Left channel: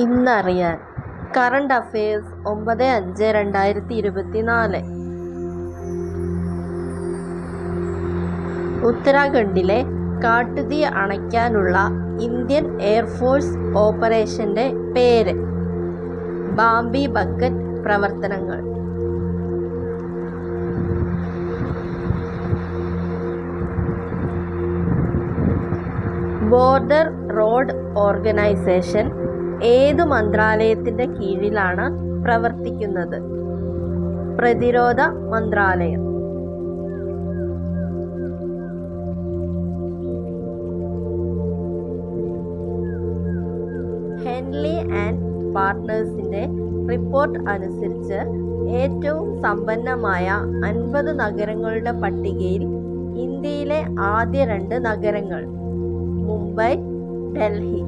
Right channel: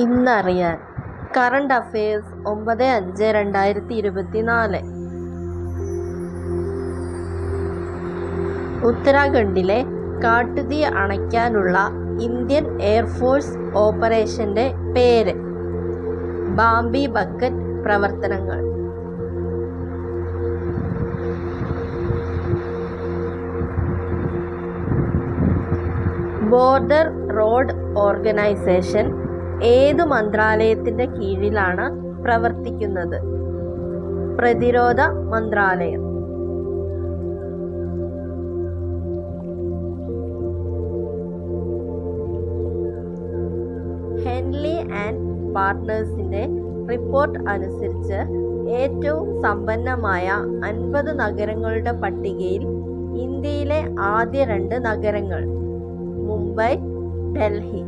ഇന്നറിയാൻ current affairs 9/5/2024. ഉത്തരാഖണ്ഡിലെ കാട്ടുതീ അണയ്ക്കാനുള്ള Indian air force ഓപ്പറേഷന്റെ പേര് ബാംബി ബക്കറ്റ് പ്രവർത്തനങ്ങൾ. ബോർഡർ റോഡ് ഓർഗനൈസേഷൻ ഏതു മന്ത്രാലയത്തിന്റെ കീഴിലാണ് പ്രവർത്തിക്കുന്നത്? പ്രതിരോധ മന്ത്രാലയം. ഹെൻലി ആൻഡ് പാർട്ട്നേഴ്സിന്റെ റിപ്പോർട്ട് അനുസരിച്ച് ഏറ്റവും സമ്പന്നമായ 50 നഗരങ്ങളുടെ പട്ടികയിൽ ഇന്ത്യയിലെ ആദ്യ 2 നഗരങ്ങൾ മുംബൈ, ഡൽഹി.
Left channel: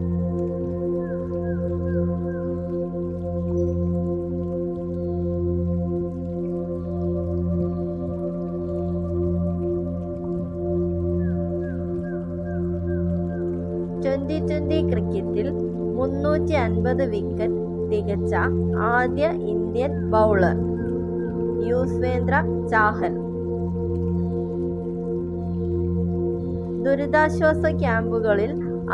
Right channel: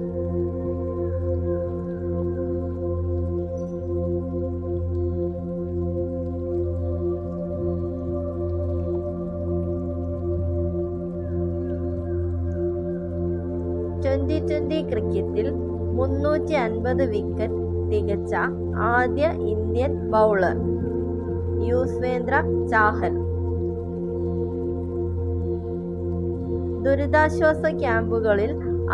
T20 ക്രിക്കറ്റിൽ 350 വിക്കറ്റ് തികച്ച ആദ്യ ഇന്ത്യൻ ബൗളർ യുസ്വേന്ദ്ര ചാഹൽ. ദുരിതാശ്വാസ ക്യാമ്പുകളിൽ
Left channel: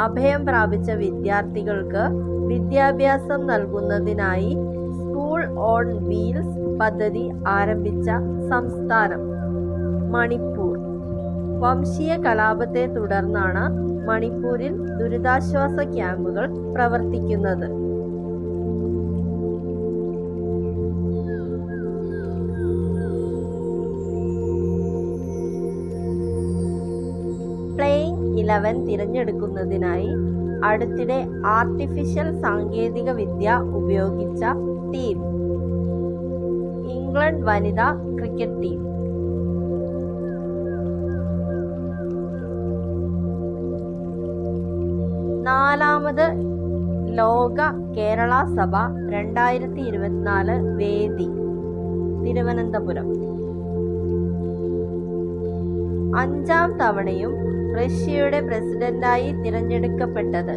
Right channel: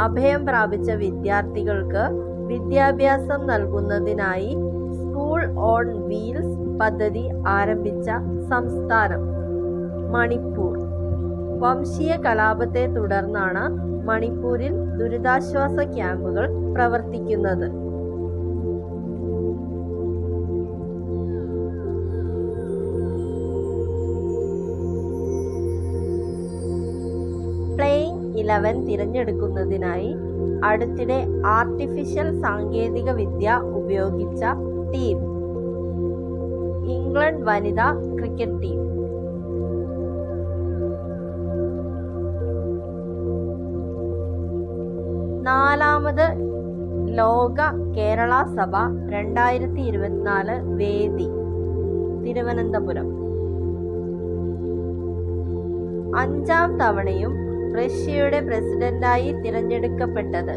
അഭയം പ്രാപിച്ച വിദ്യാർത്ഥികൾക്ക് വിദ്യാഭ്യാസം നൽകുന്നതിനായി സ്കൂൾ ഓൺ വീൽസ് പദ്ധതി ആരംഭിച്ച സംസ്ഥാനം മണിപ്പൂർ. വംശീയ കലാപത്തെ തുടർന്നാണ് മണിപ്പൂരിൽ ദുരിതാശ്വാസ ക്യാമ്പുകൾ പ്രവർത്തിക്കുന്നത്. പ്ലേയിങ് 11 തിരഞ്ഞെടുക്കുന്നതിനായി അടുത്തിടെ ആർട്ടിഫിഷ്യൽ സാങ്കേതിക വിദ്യ ഉപയോഗിച്ച ടീം ഇംഗ്ലണ്ട് വനിതാ ക്രിക്കറ്റ് ടീം. നാലാമത് ലോക കേരള സഭ 2024 വേദി തിരുവനന്തപുരം. 5ാം തവണയും റഷ്യയുടെ പ്രസിഡന്റായി തിരഞ്ഞെടുക്കപ്പെട്ടത്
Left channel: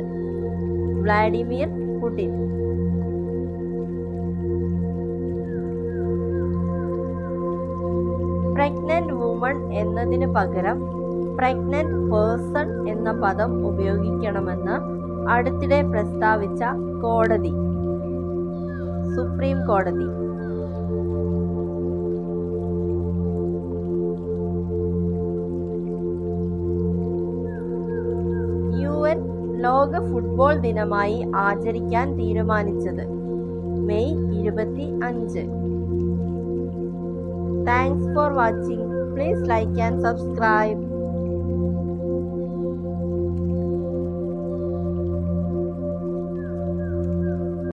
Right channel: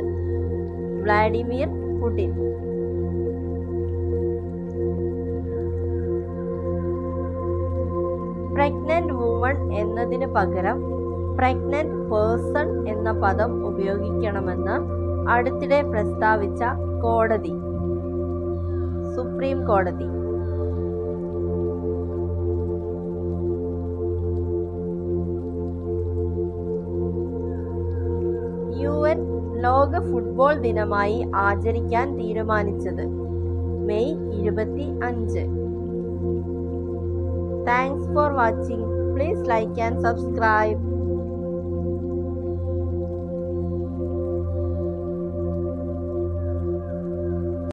വ്ളാഡിമിർ പുടിൻ. പ്രഗ്നന്റ് വുമൺ എന്നതിന് പകരം പ്രഗ്നന്റ് പേഴ്സൺ എന്ന പദം ഉപയോഗിക്കണമെന്ന് അടുത്തിടെ പ്രസ്താവിച്ച കോടതി സുപ്രീം കോടതി. UN ലോക ഫുട്ബോൾ ദിനമായി ആചരിക്കാൻ തീരുമാനിച്ചത് May 25. Thanks for watching. Please like and subscribe.